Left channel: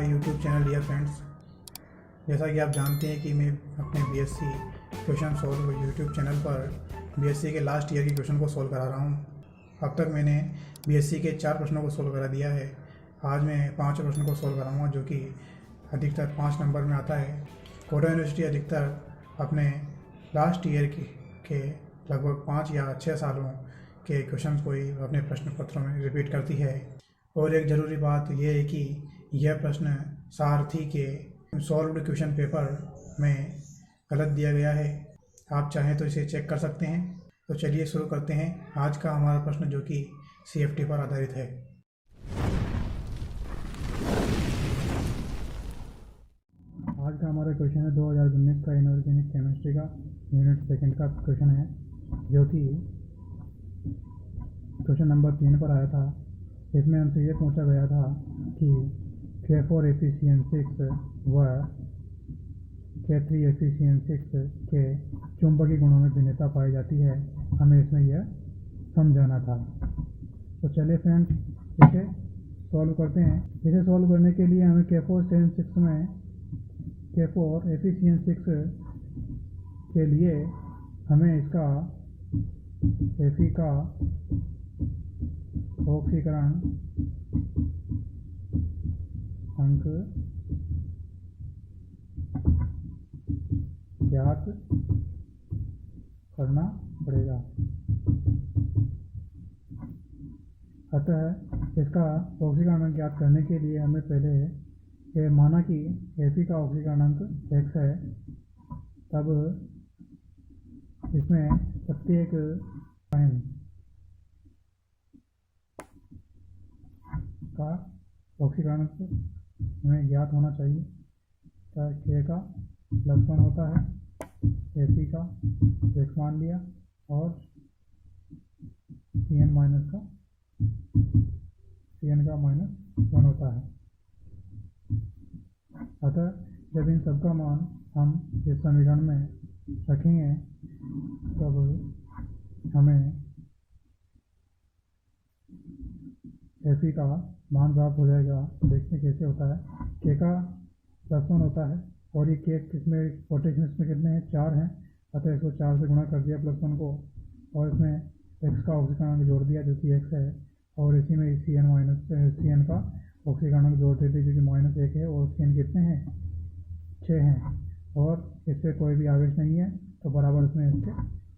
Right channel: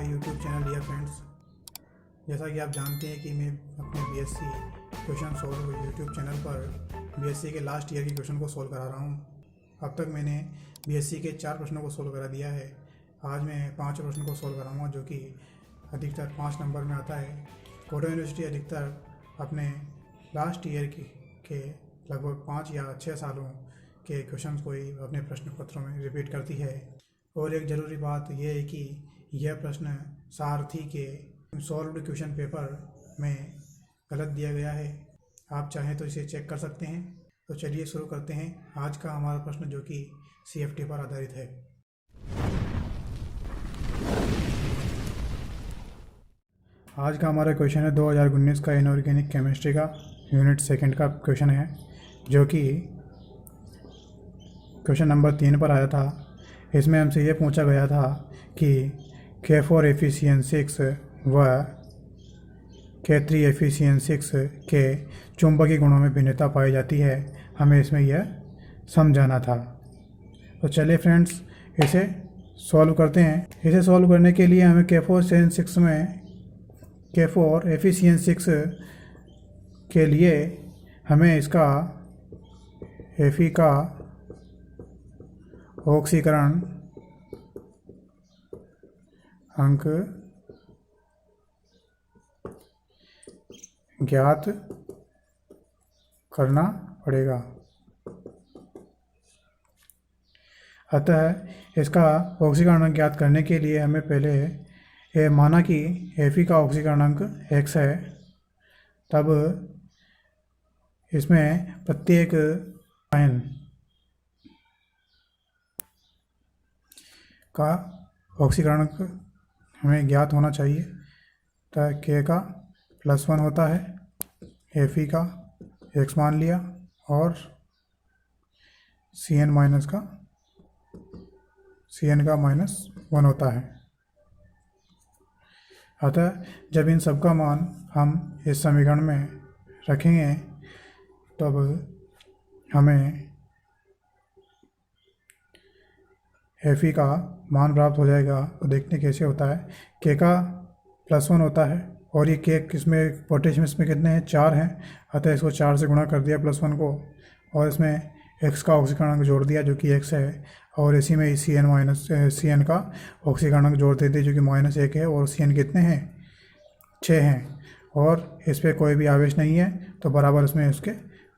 My YouTube channel dear friends. जैसा कि आप जानते हैं कि मैं अपने BSc question solve YouTube channel पर बीएससी के लास्ट ईयर के क्वेश्चन को सॉल्व करा रहा हूँ। अब तक मैंने बीएससी के 4 प्रश्नों को सॉल्व करा दिया है। आज मैं 5 प्रश्नों को सॉल्व कराऊंगा जो कि अधिकतर 5 नंबर में आता है। कोटा यूनिवर्सिटी अधिकतर अपने लास्ट ईयर के लगभग 5 या 6 सालों के क्वेश्चन को ही अपने प्रश्न पत्रों में रिपीट करती है। और एक ज़रूरी बात यह है कि यह प्रश्न सारथी के सॉल्व्ड क्वेश्चन पेपर में गलत दिया गया है। आप चाहें तो इसे चेक कर सकते हैं। तो चलिए शुरू करते हैं आज का हमारा प्रश्न जो कि सीएफटी पर आधारित है। आज का हमारा क्वेश्चन है 2019 का इनऑर्गेनिक केमिस्ट्री का यूनिट 2 का क्वेश्चन है जो कि क्वेश्चन नंबर 3 पर आया था। इसमें हमसे ये पूछा गया था कि K4 Fe6 व K3 Fe6 के चुंबकीय गुणों में भिन्नता पाई जाती है। हमें इसमें यह समझाना था। तो चलिए फ्रेंड्स इसे सॉल्व करते हैं। इसे सॉल्व करने के लिए हमें K4 Fe6 के लिए हमें इसका Fe का ऑक्सीकरण अंक ज्ञात करना पड़ेगा। अतः इसका ऑक्सीकरण अंक ज्ञात करने के लिए हमें पहले ये माना कि Fe का ऑक्सीकरण अंक x है। तब इसमें प्रत्येक आयन का ऑक्सीकरण हमें ज्ञात होना चाहिए। तो K का +1 होता है, Fe का x मान लिया और Cn का -1 होता है। अतः जब इन सब का मान हम इस समीकरण में रखेंगे तब हमें Fe का मान प्राप्त हो जाएगा। तो देखते कैसे होता है। K का +1 होता है और ये K इसमें पोटेशियम इसमें कितने हैं, 4 हैं। अतः इसको 4 से गुणा कर दिया +1 को और इसमें x का ऑक्सीकरण अंक जोड़ दिया जो कि x है और इसी में Cn का ऑक्सीकरण अंक जोड़ देते जो कि -1 है और Cn कितने हैं, 6 हैं और इस पर कोई भी आवेश नहीं है तो बराबर इसमें उसके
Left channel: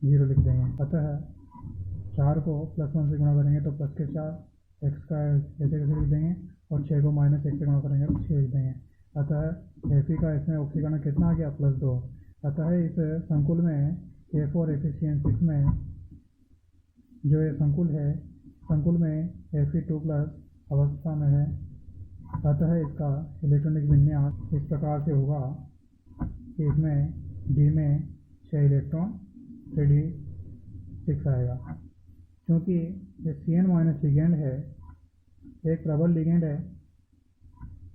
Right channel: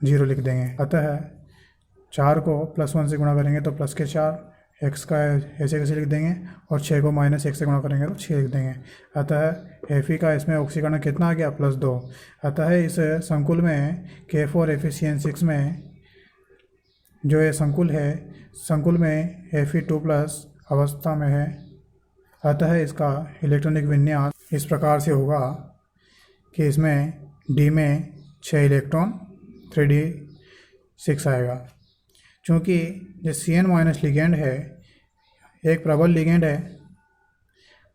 0 लिख देंगे। अतः 4 को +1 से गुणा करेंगे तो +4, x का ऐसे कैसे लिख देंगे और 6 को -1 से गुणा करेंगे तो 6 लिख देंगे। अतः Fe का इसमें ऑक्सीकरण कितना आ गया, +2। अतः इस संकुल में K4 Fe6 में जो ये संकुल में Fe2+ अवस्था में है। अतः इसका इलेक्ट्रॉनिक विन्यास इस प्रकार से होगा कि इसमें D में 6 इलेक्ट्रॉन 3d6 आएगा। चूँकि जो Cn- लिगेंड है एक प्रबल लिगेंड है,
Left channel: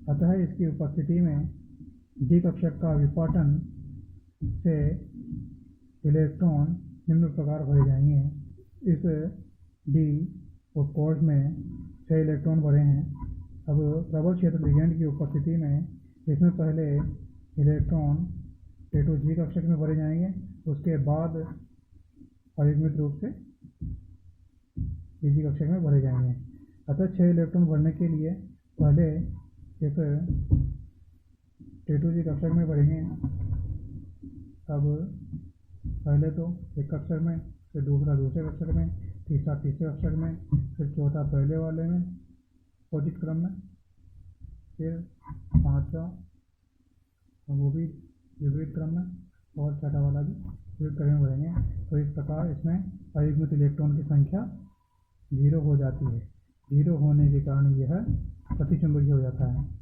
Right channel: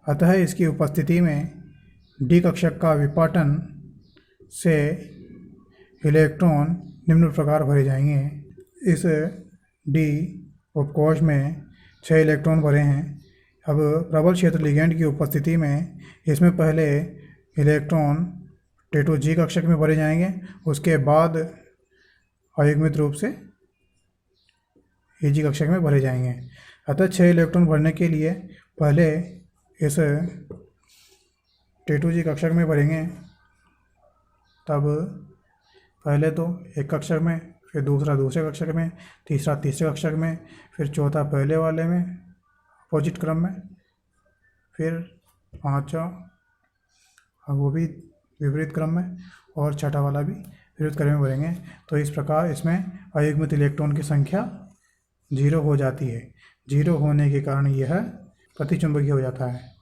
अतः इसकी उपस्थिति में D कक्षक का विपाटन से इलेक्ट्रॉन निम्न प्रकार भरे जाएंगे। इस D उपकोश में 6 इलेक्ट्रॉन भरे हैं। अब प्रबल क्षेत्र लिगेंड की उपस्थिति में इसमें पहले इलेक्ट्रॉन T2G कक्षक में भरे जाएंगे, उसके बाद अयुग्मित रूप से Eg कक्षक में भरे जाएंगे। अतः 6 इलेक्ट्रॉन भरने के लिए पहले इस T2G कक्षक में भरेंगे। तब पहले तो एक कक्षक में, फिर दूसरा दूसरे कक्षक में, तीसरा तीसरे कक्षक में, फिर चौथा पहले वाले में अपोजिट क्रम में, फिर पाँचवा वो भी विपरीत क्रम में और छठा वाला भी विपरीत क्रम में भरेंगे। तो इस प्रकार इसमें अयुग्मित इलेक्ट्रॉन की संख्या 0 हो जाती है। 0 होने के कारण यह प्रतिचुंबकीय हो जाता है।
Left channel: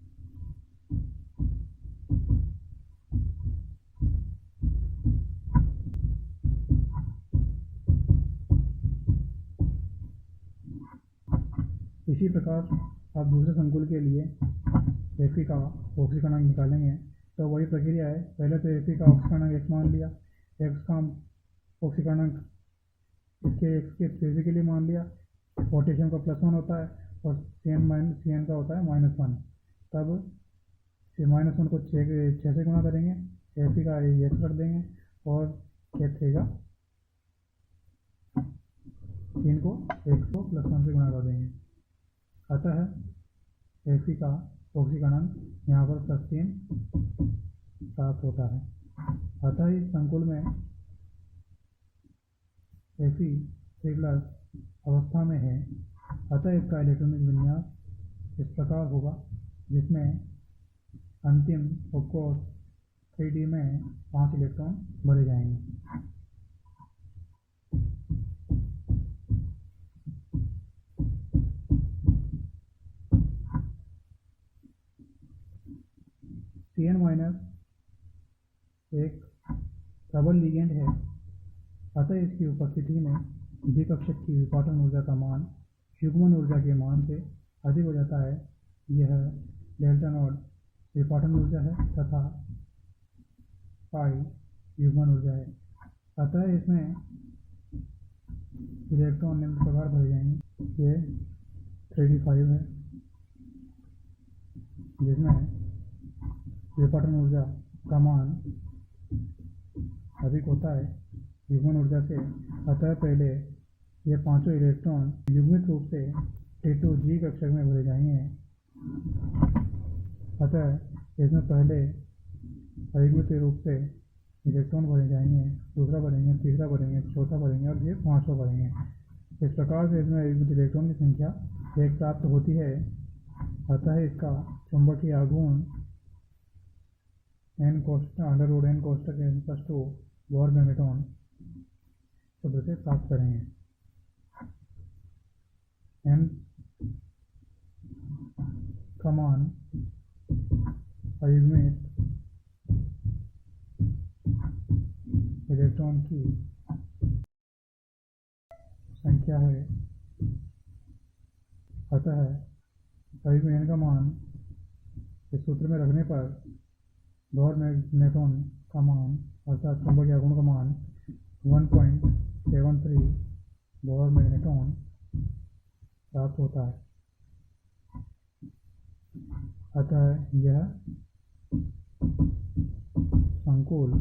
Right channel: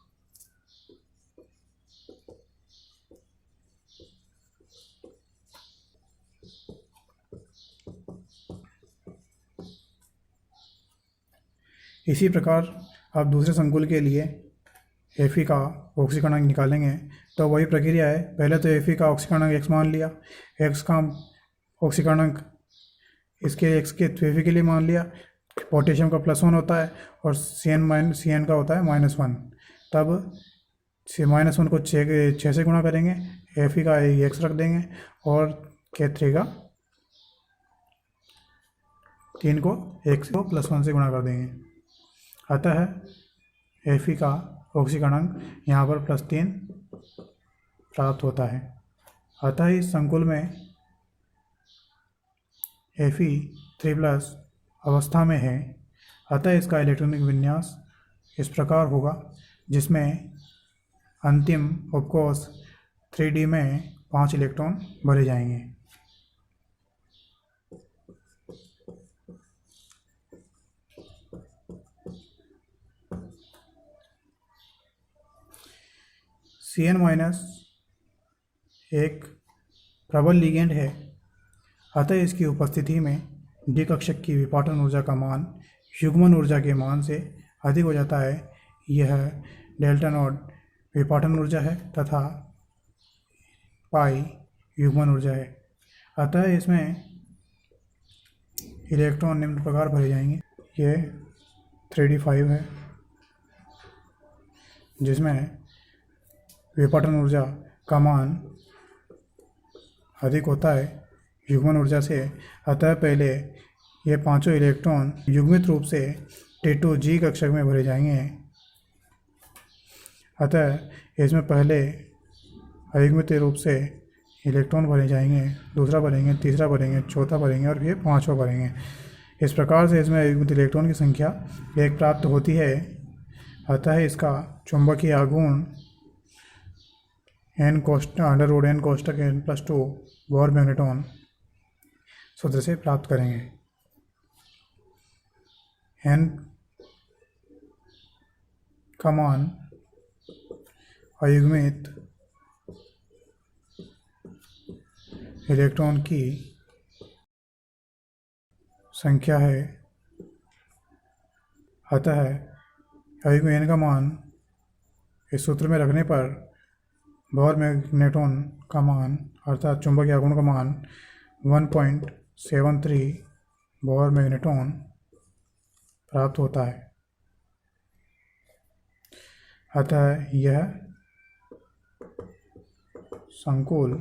इसी प्रकार आप दूसरे संकुल के लिए Fe का ऑक्सीकरण अंक निकालेंगे तो वही प्रक्रिया है। पहले तो Fe का ऑक्सीकरण अंक x मान लिया, x का ऑक्सीकरण अंक इसके x के Fe के लिए मान लिया। पोटेशियम का +1 होता है और Cn का होता है -1। तब -1 को 6 से गुणा करेंगे, Fe का x रख देंगे और K3 का 3 को x को +1 से गुणा कर देंगे। अतः Fe का ऑक्सीकरण यहाँ पर +3 प्राप्त होता है। अतः इस संकुल में Fe3+ अवस्था में है। अतः इसका इलेक्ट्रॉनिक विन्यास इस प्रकार होगा, जिसमें अंतिम उपकोष 3D में 5 इलेक्ट्रॉन भरे जाएंगे। Cn- एक प्रबल लिगेंड है। अतः इसकी उपस्थिति में डी कक्षक की विपाटन ऊर्जा का मान युग्मन ऊर्जा के मान से अधिक हो जाता है। यह डेल्टा नॉट विपाटन ऊर्जा है तथा पाई युग्मन ऊर्जा है। अतः इसमें इलेक्ट्रॉन निम्न प्रकार भरे जाएंगे। ये 3d5 है, जिसमें विपाटन ऊर्जा का मान अधिक होता है युग्मन ऊर्जा से। अतः पहले ये 5 इलेक्ट्रॉन युग्मित रूप से T2G कक्षक में भरे जाएंगे। अतः इसमें पहले अयुग्मित रूप से इलेक्ट्रॉन भरे जाएंगे, दूसरा भरेंगे, तीसरा भरेंगे, चौथा भरेंगे और फिर 5वां भरेंगे। इस प्रकार से इसमें अयुग्मित इलेक्ट्रॉन की संख्या 1 प्राप्त होती है। अतः इसका चुंबकीय आघूर्ण n कोष्ठक n+2 बोर मैग्नेट्रॉन सूत्र से प्राप्त करेंगे। n का मान अयुग्मित इलेक्ट्रॉन की संख्या है। अतः अयुग्मित n का मान इस सूत्र में रखने पर बोर मैग्नेट्रॉन का मान अर्थात चुंबकीय आघूर्ण का मान 1.73 बोर मैग्नेट्रॉन प्राप्त होता है। अतः यह संकुल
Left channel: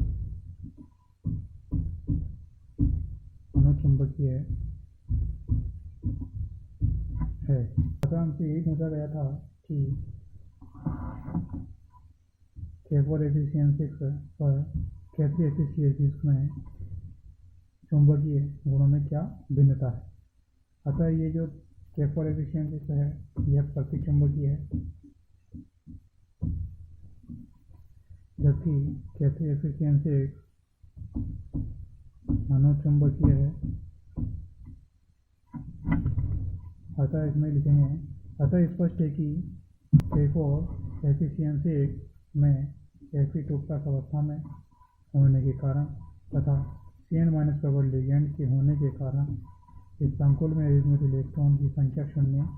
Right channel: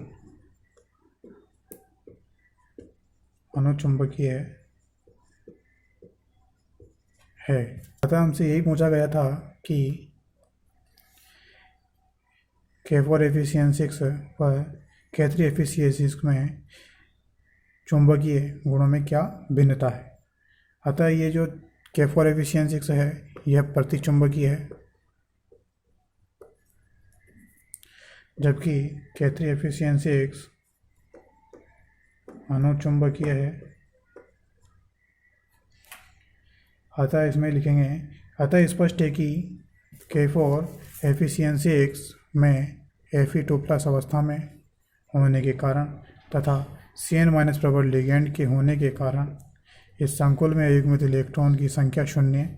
अनुचुंबकीय है। अतः हमसे यही पूछा गया था कि K4 Fe6 व K3 Fe6 में चुंबकीय गुणों में क्या भिन्नता है। अतः ये जो K4 Fe6 है यह प्रतिचुंबकीय है, जबकि K3 Fe6 अनुचुंबकीय है। अतः इसमें लिखेंगे, अतः स्पष्ट है कि K4 Fe6 में Fe2+ अवस्था में होने के कारण तथा Cn- प्रबल लिगेंड के होने के कारण इस संकुल में अयुग्मित इलेक्ट्रॉन की संख्या 0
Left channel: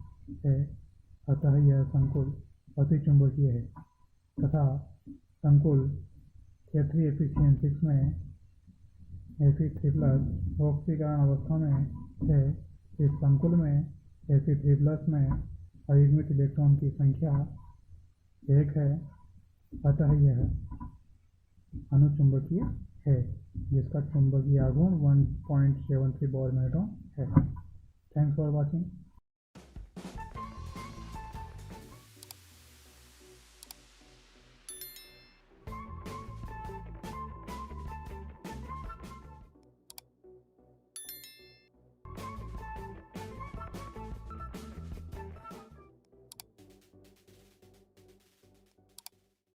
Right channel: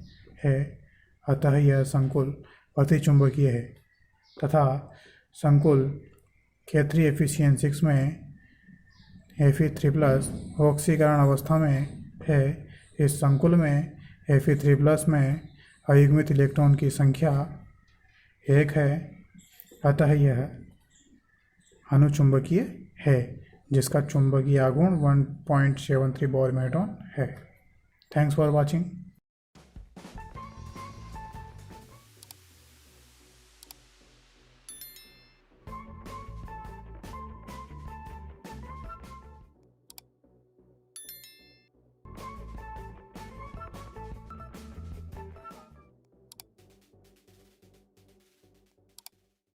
है। अतः यह संकुल प्रतिचुंबकीय है तथा संकुल K3 Fe6 में Fe3+ ऑक्सीकरण अवस्था में है। इस संकुल में Fe3+ में अयुग्मित इलेक्ट्रॉन की संख्या 1 है। अतः यह अनुचुंबकीय है, जिसका चुंबकीय आघूर्ण 1.73 बोर मैग्नेट्रॉन है। Thanks for watching.